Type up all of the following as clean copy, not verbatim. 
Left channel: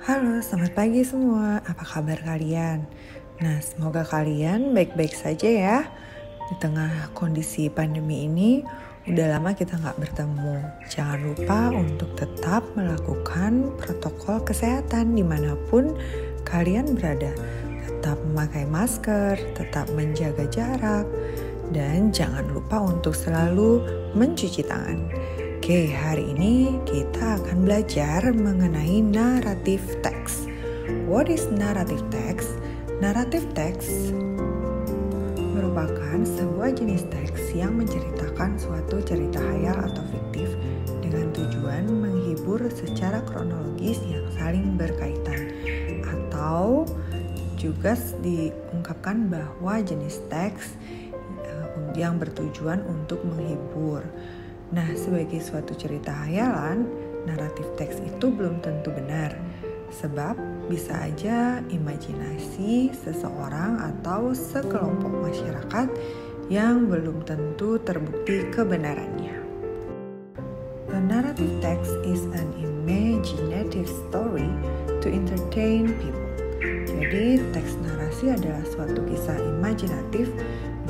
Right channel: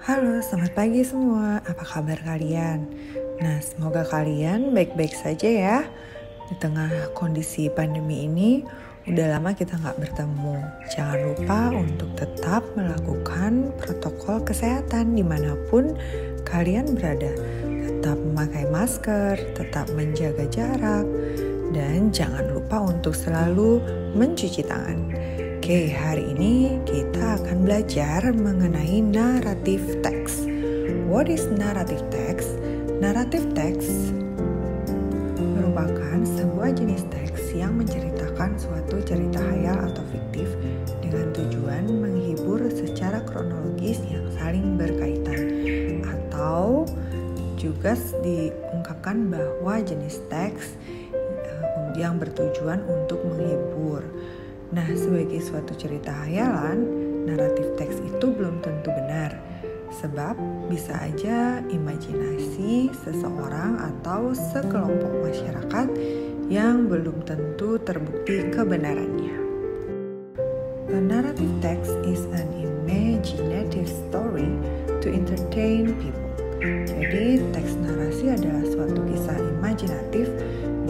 Halo, selamat pagi semua. Apa kabar kalian? Nah, semoga kalian baik-baik saja ya. Di tengah kondisi pandemi ini, udah lama kita nggak bertemu. Jangan lupa untuk tetap melakukan protokol kesehatan dimanapun kalian berada. Tetap memakai masker, tetap menjaga jarak, dan jangan lupa untuk selalu mencuci tangan. Oke, hari ini kita akan belajar mengenai narrative text. What is narrative text? Narrative text merupakan sebuah jenis teks yang menceritakan suatu cerita khayal atau fiktif dengan tujuan menghibur secara kronologis yang saling berkaitan. Atau juga diungkapkan bahwa jenis teks yang bertujuan untuk menghibur. Nah, sebagai suatu cerita khayalan, naratif teks itu belum tentu benar. Sebab bisa aja imajinasi seseorang atau sekelompok masyarakat yang belum tentu terbukti kebenarannya. A narrative text is an imaginative story to entertain people. Jadi, teks narasi adalah suatu kisah imajinatif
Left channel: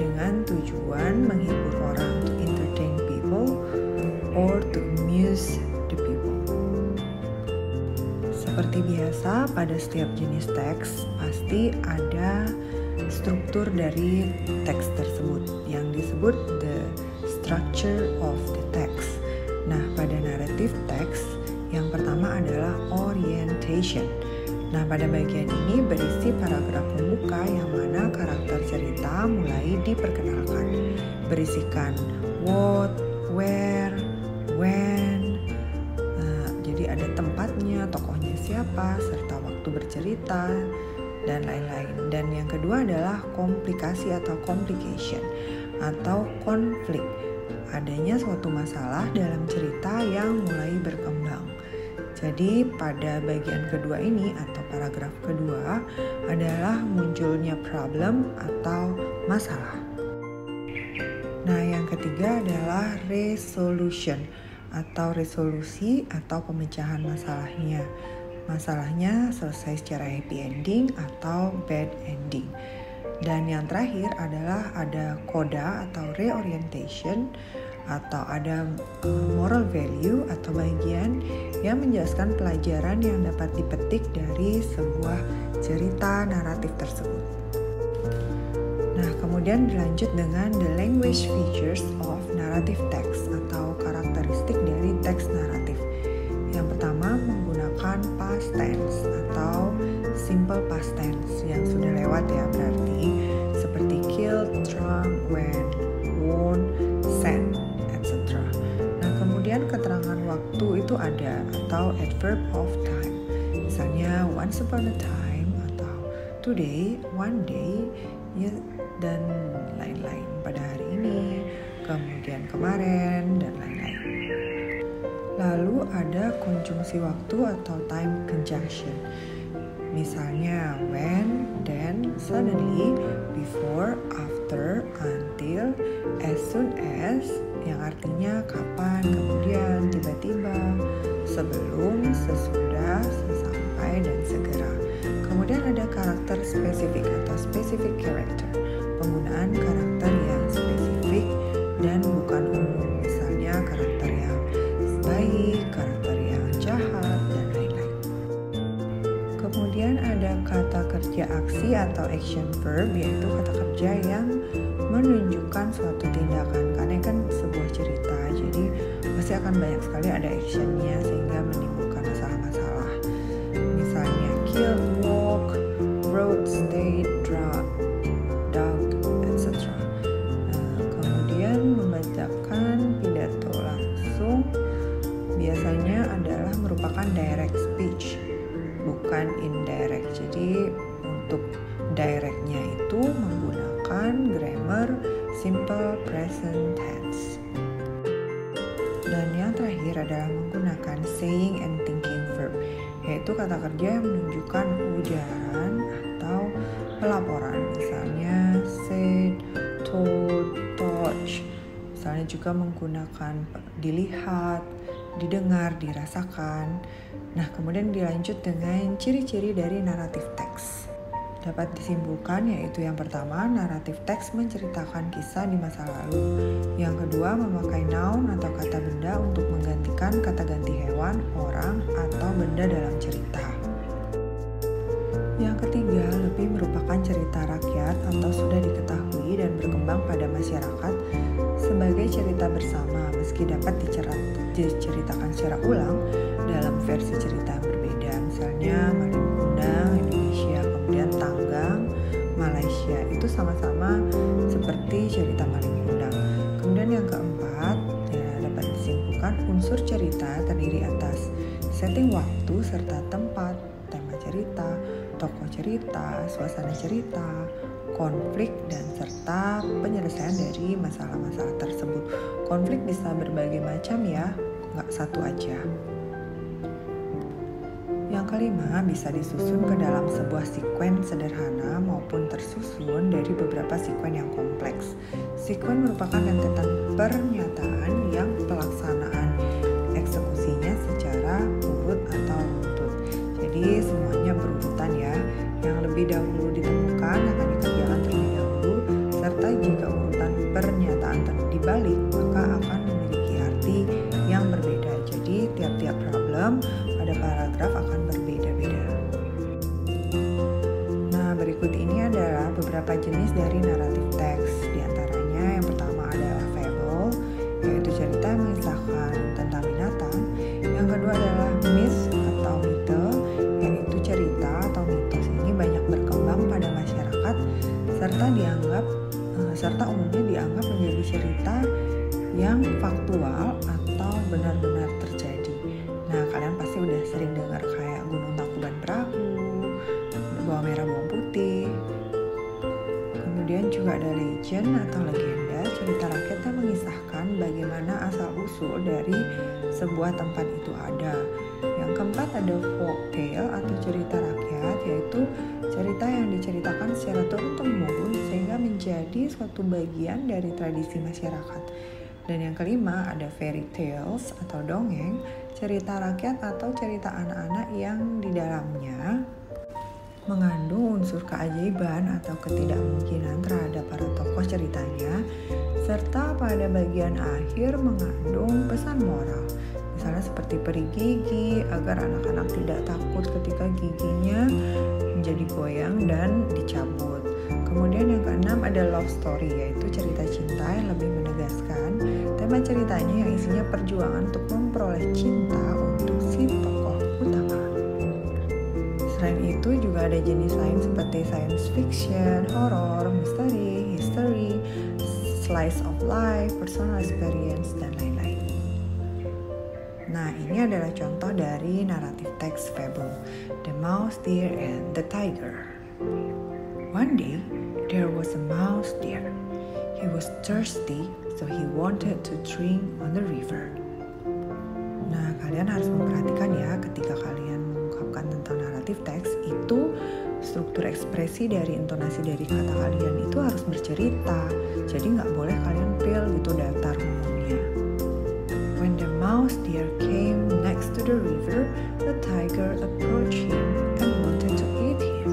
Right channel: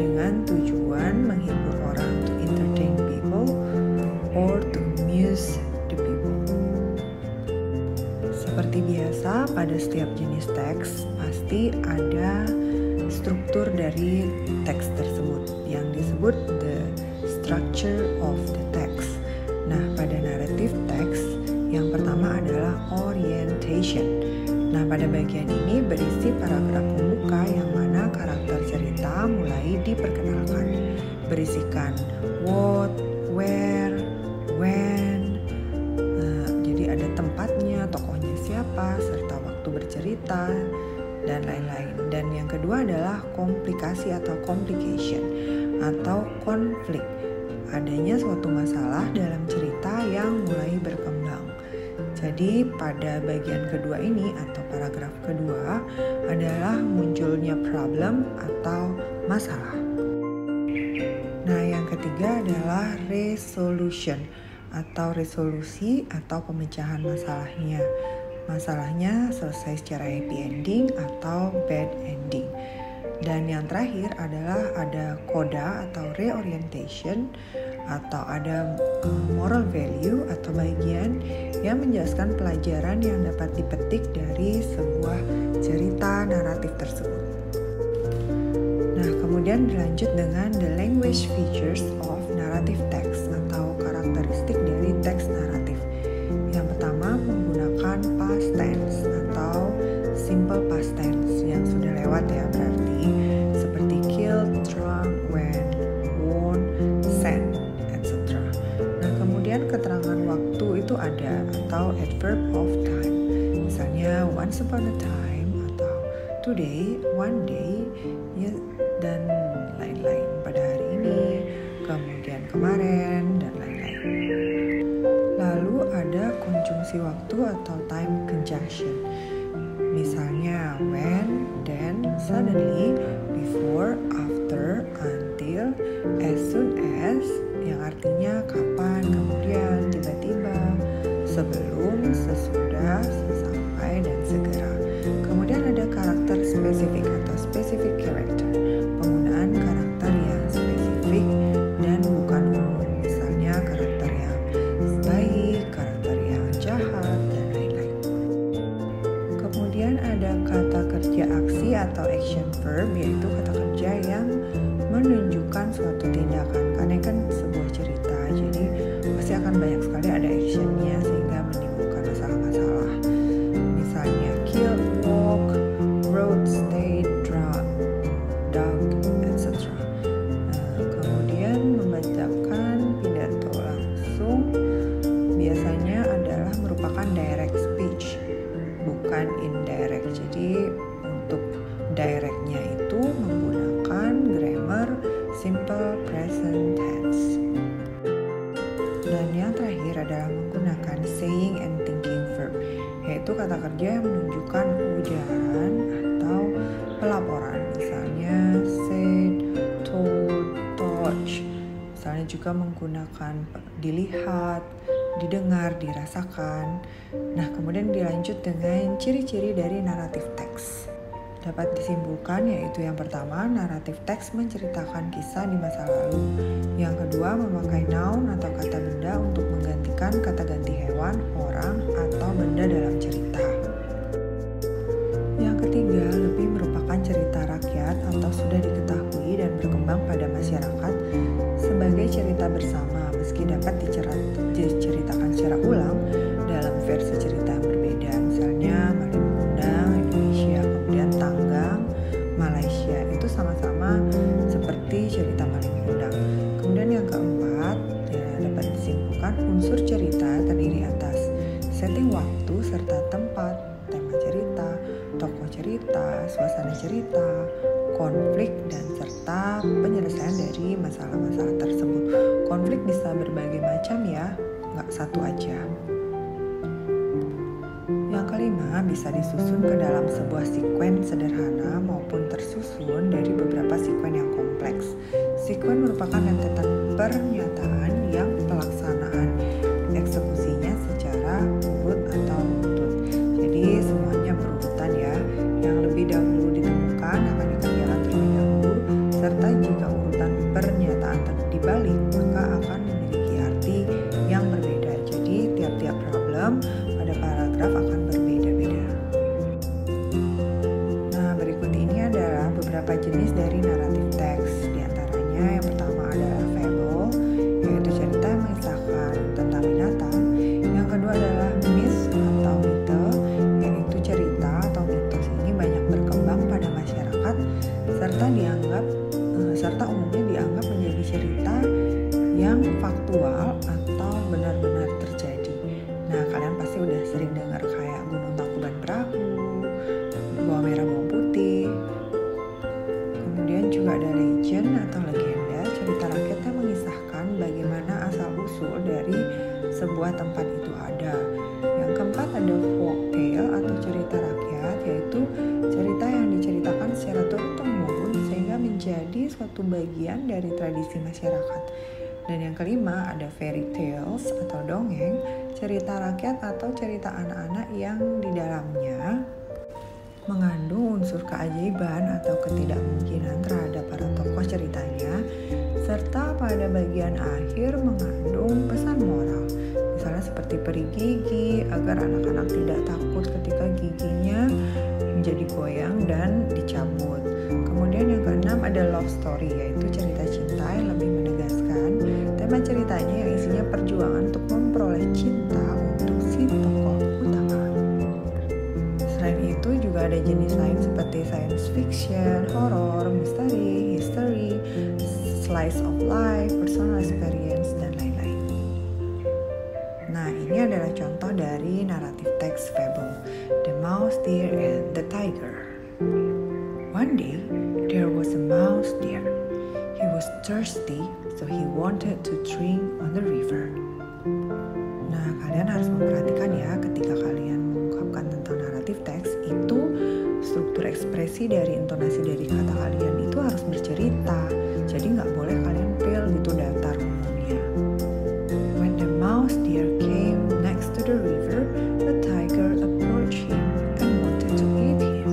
dengan tujuan menghibur orang, to entertain people or to amuse the people. Seperti biasa, pada setiap jenis teks pasti ada struktur dari teks tersebut yang disebut the structure of the text. Nah, pada narrative text yang pertama adalah orientation. Nah, pada bagian ini berisi paragraf pembuka yang mana karakter cerita mulai diperkenalkan. Berisikan what, where, when. Nah, jadi ada tempatnya, tokohnya siapa, serta waktu bercerita, dan lain-lain. Dan yang kedua adalah komplikasi atau complication atau konflik. Adanya suatu masalah dalam cerita yang mulai berkembang. Jadi pada bagian kedua ini atau paragraf kedua adalah munculnya problem atau masalah. Nah, yang ketiga adalah resolution atau resolusi atau pemecahan masalahnya. Masalahnya selesai secara happy ending atau bad ending. Dan yang terakhir adalah ada coda atau reorientation atau ada moral value atau bagian yang menjelaskan pelajaran yang dapat dipetik dari sebuah cerita naratif tersebut. Nah, kemudian dilanjut dengan the language features of narrative text atau karakteristik dari teks naratif. Yang pertama menggunakan past tense atau simple past tense yang sudah lewat ya, berarti seperti killed, drunk, went, won, sent, etc. Nah, kemudian keterangan waktu itu ada atau adverb of time. Misalnya once upon a time atau today, one day, ya, dan lain-lain. Pada hari ini, kemudian kemarin, dan lain-lain. Lalu ada konjungsi waktu atau time conjunction. Misalnya when, then, suddenly, before, after, until, as soon as, yang artinya kapan, kemudian, tiba-tiba, sebelum, sesudah, sesampai, dan segera. Kemudian ada karakter spesifik atau specific character, penggunaan karakter yang spesifik dan bukan umum. Misalnya karakter yang baik, karakter yang jahat, dan lain-lain. Kemudian ada kata kerja aksi atau action verb, yaitu kata kerja yang menunjukkan suatu tindakan. Karena kan sebuah cerita, jadi pasti akan banyak sekali ada actionnya sehingga menimbulkan masalah-masalah. Misalnya kill, walk, wrote, stayed, dug, etc. Kemudian membacakan pidato langsung biasanya adalah merupakan direct speech, bukan indirect. Jadi untuk directnya itu menggunakan grammar simple present tense. Dan yang terakhir adalah menggunakan saying and thinking verb, yaitu kata kerja yang menunjukkan ujaran atau pelaporan. Misalnya said, told, touch. Misalnya juga menggunakan dilihat, didengar, dirasakan. Nah, kemudian dilanjut dengan ciri-ciri dari naratif teks. Dapat disimpulkan yaitu yang pertama, naratif teks menceritakan kisah di masa lalu. Yang kedua, memakai noun atau kata benda untuk menggantikan kata ganti hewan, orang, atau benda dalam cerita. Yang ketiga, lebih merupakan cerita rakyat atau sudah diketahui dan berkembang pada masyarakat sebagai cerita bersama, meski dapat diceritakan secara ulang dalam versi cerita yang berbeda. Misalnya Malin Kundang, Indonesia, kemudian Tanggang, Malaysia. Itu sama-sama seperti cerita Malin Kundang. Kemudian yang keempat, dapat disimpulkan unsur cerita terdiri atas setting waktu serta tempat, tema cerita, tokoh cerita, suasana cerita, konflik, dan serta penyelesaian dari masalah-masalah tersebut. Konflik bisa berbagai macam ya, nggak satu aja. Yang kelima, bisa disusun ke dalam sebuah sekuen sederhana maupun tersusun dari beberapa sekuen yang kompleks. Sekuen merupakan rentetan pernyataan yang pelaksanaan eksekusinya secara urut atau runtut. Jadi semuanya berurutan ya. Yang lebih dahulu ditemukan akan dikerjakan terlebih dahulu, serta jika urutan pernyataan dibalik maka akan memiliki arti yang berbeda. Jadi tiap-tiap problem pada paragraf akan berbeda-beda. Nah, berikut ini adalah beberapa jenis dari naratif teks. Di antaranya yang pertama adalah fable, yaitu cerita yang mengisahkan tentang binatang. Yang kedua adalah myth atau mite, yaitu cerita atau mitos ini banyak berkembang pada masyarakat serta umumnya dianggap menjadi cerita yang faktual atau benar-benar terjadi. Nah, kalian pasti udah sering dengar kayak Gunung Tangkuban Perahu, Bawang Merah Bawang Putih. Kemudian juga ada legend atau legenda, cerita rakyat yang mengisahkan bagaimana asal-usul dari sebuah tempat itu ada. Yang keempat ada folktale atau cerita rakyat, yaitu cerita yang diceritakan secara turun-temurun sehingga menjadi suatu bagian dari tradisi masyarakat. Dan yang kelima ada fairy tales atau dongeng, cerita rakyat atau cerita anak-anak yang di dalamnya mengandung unsur keajaiban atau ketidakmungkinan terhadap para tokoh ceritanya, serta pada bagian akhir mengandung pesan moral. Misalnya seperti peri gigi, agar anak-anak tidak takut ketika giginya menjadi goyang dan dicabut. Kemudian yang keenam ada love story, yaitu cerita cinta yang lebih menegaskan tema ceritanya yang isinya perjuangan untuk memperoleh cinta untuk si tokoh utama. Selain itu juga ada jenis lain seperti science fiction, horror, misteri, history, slice of life, personal experience, dan lain-lain. Nah, ini adalah contoh dari naratif teks fable, The Mouse, Deer, and the Tiger. One day, there was a mouse deer. He was thirsty, so he wanted to drink on the river. Nah, kalian harus memperhatikan ya ketika kalian mengungkapkan tentang naratif teks, itu struktur ekspresi dari intonasi dari kata kalian itu harus bercerita. Jadi nggak boleh kalian feel gitu datar ngomongnya. When the mouse deer came next to the river, the tiger approached him and wanted to eat him.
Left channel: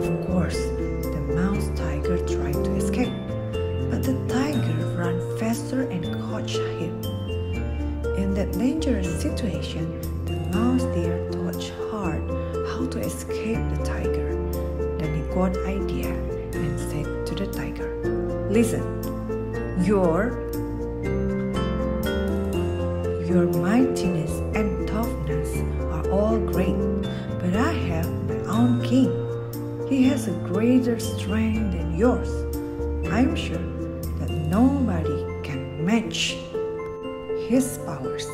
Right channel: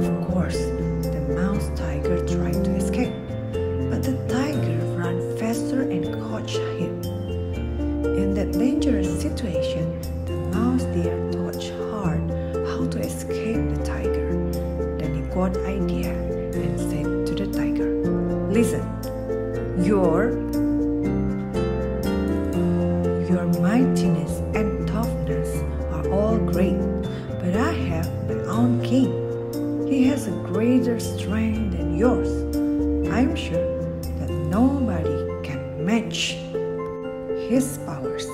Of course, the mouse tiger tried to escape, but the tiger ran faster and caught him. In that dangerous situation, the mouse deer thought hard how to escape the tiger. Then he got an idea and said to the tiger, "Listen, your mightiness and toughness are all great, but I have my own king. He has a greater strength than yours. I'm sure that nobody can match his powers."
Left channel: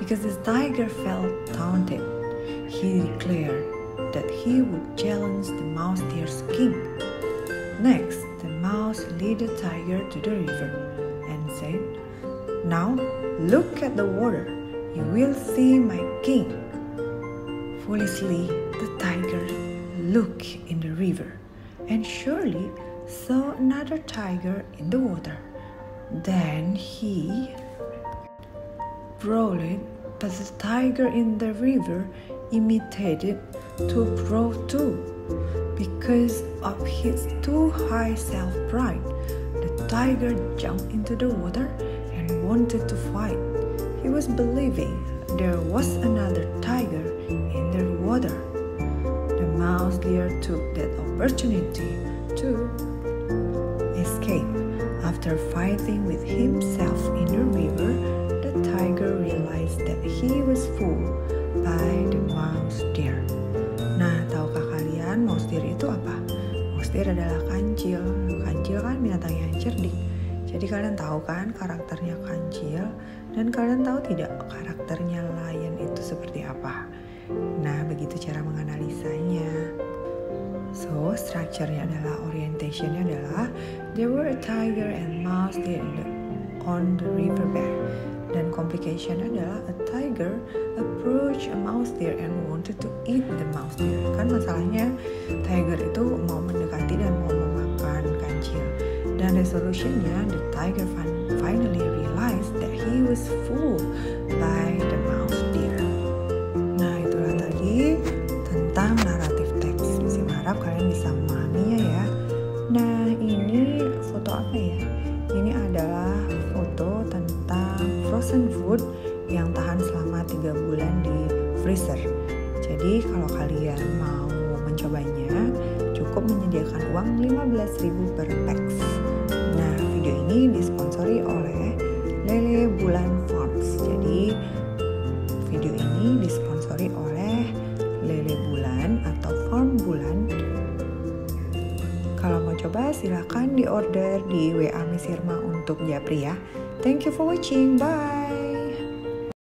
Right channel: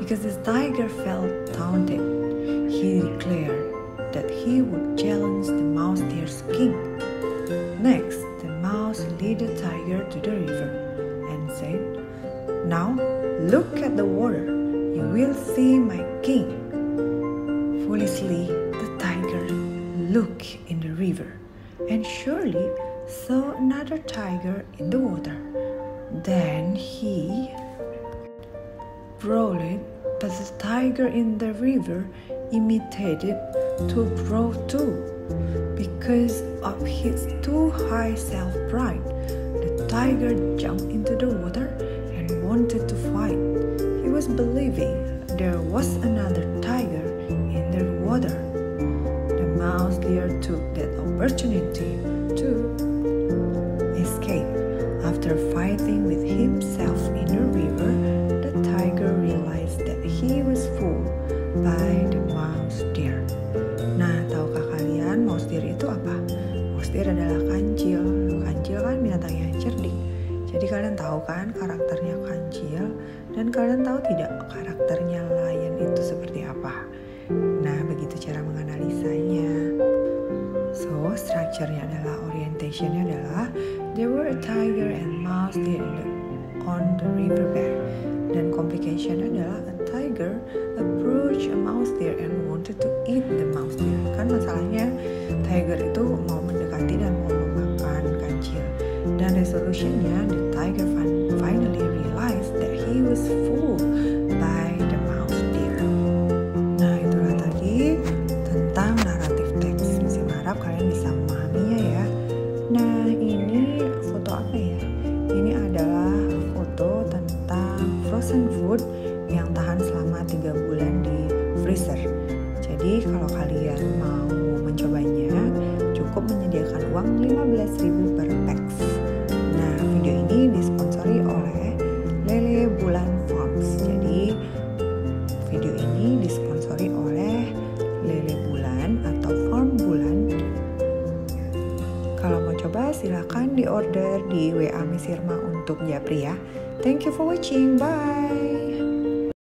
Because the tiger felt taunted, he declared that he would challenge the mouse deer's king. Next, the mouse led the tiger to the river and said, "Now look at the water, you will see my king." Foolishly, the tiger looked in the river and surely saw another tiger in the water. Then he rolled but the tiger in the river imitated to grow too. Because of his too high self-pride, the tiger jumped into the water and wanted to fight. He was believing there was another tiger in the water. The mouse deer took that opportunity to escape. After fighting with himself in the river, the tiger realized that he was fooled by the mouse deer. Nah, tahukah kalian mouse deer itu apa? Mouse deer adalah kancil. Kancil kan binatang yang cerdik. Jadi kalian tahu kan karakternya kancil, dan kalian tahu tidak karakternya lion itu seperti apa? Nah, begitu cara menganalisanya. So, structure-nya adalah, orientation-nya adalah there were a tiger and mouse deer on the riverbank. Dan complication-nya adalah a tiger approached a mouse deer and wanted to eat the mouse deer. Kan masalahnya tiger itu mau mendekati dan mau memakan kancil. Dan resolution-nya, the tiger finally realized that he was fooled by the mouse deer. Nah, itulah tadi tentang naratif teks. Misi harap kalian bisa memahaminya ya. Nah, ini foto apa ya? Ini adalah foto tentang frozen food yang tahan selama 3 bulan di freezer. Jadi kalau kalian mau mencobanya, cukup menyediakan uang 15.000 per packs. Nah, video ini disponsori oleh Lele Bulan Farms. Jadi video ini disponsori oleh Lele Bulan atau Farm Bulan. Kalau mau coba silahkan di order di WA Miss Irma untuk Japri ya. Thank you for watching. Bye.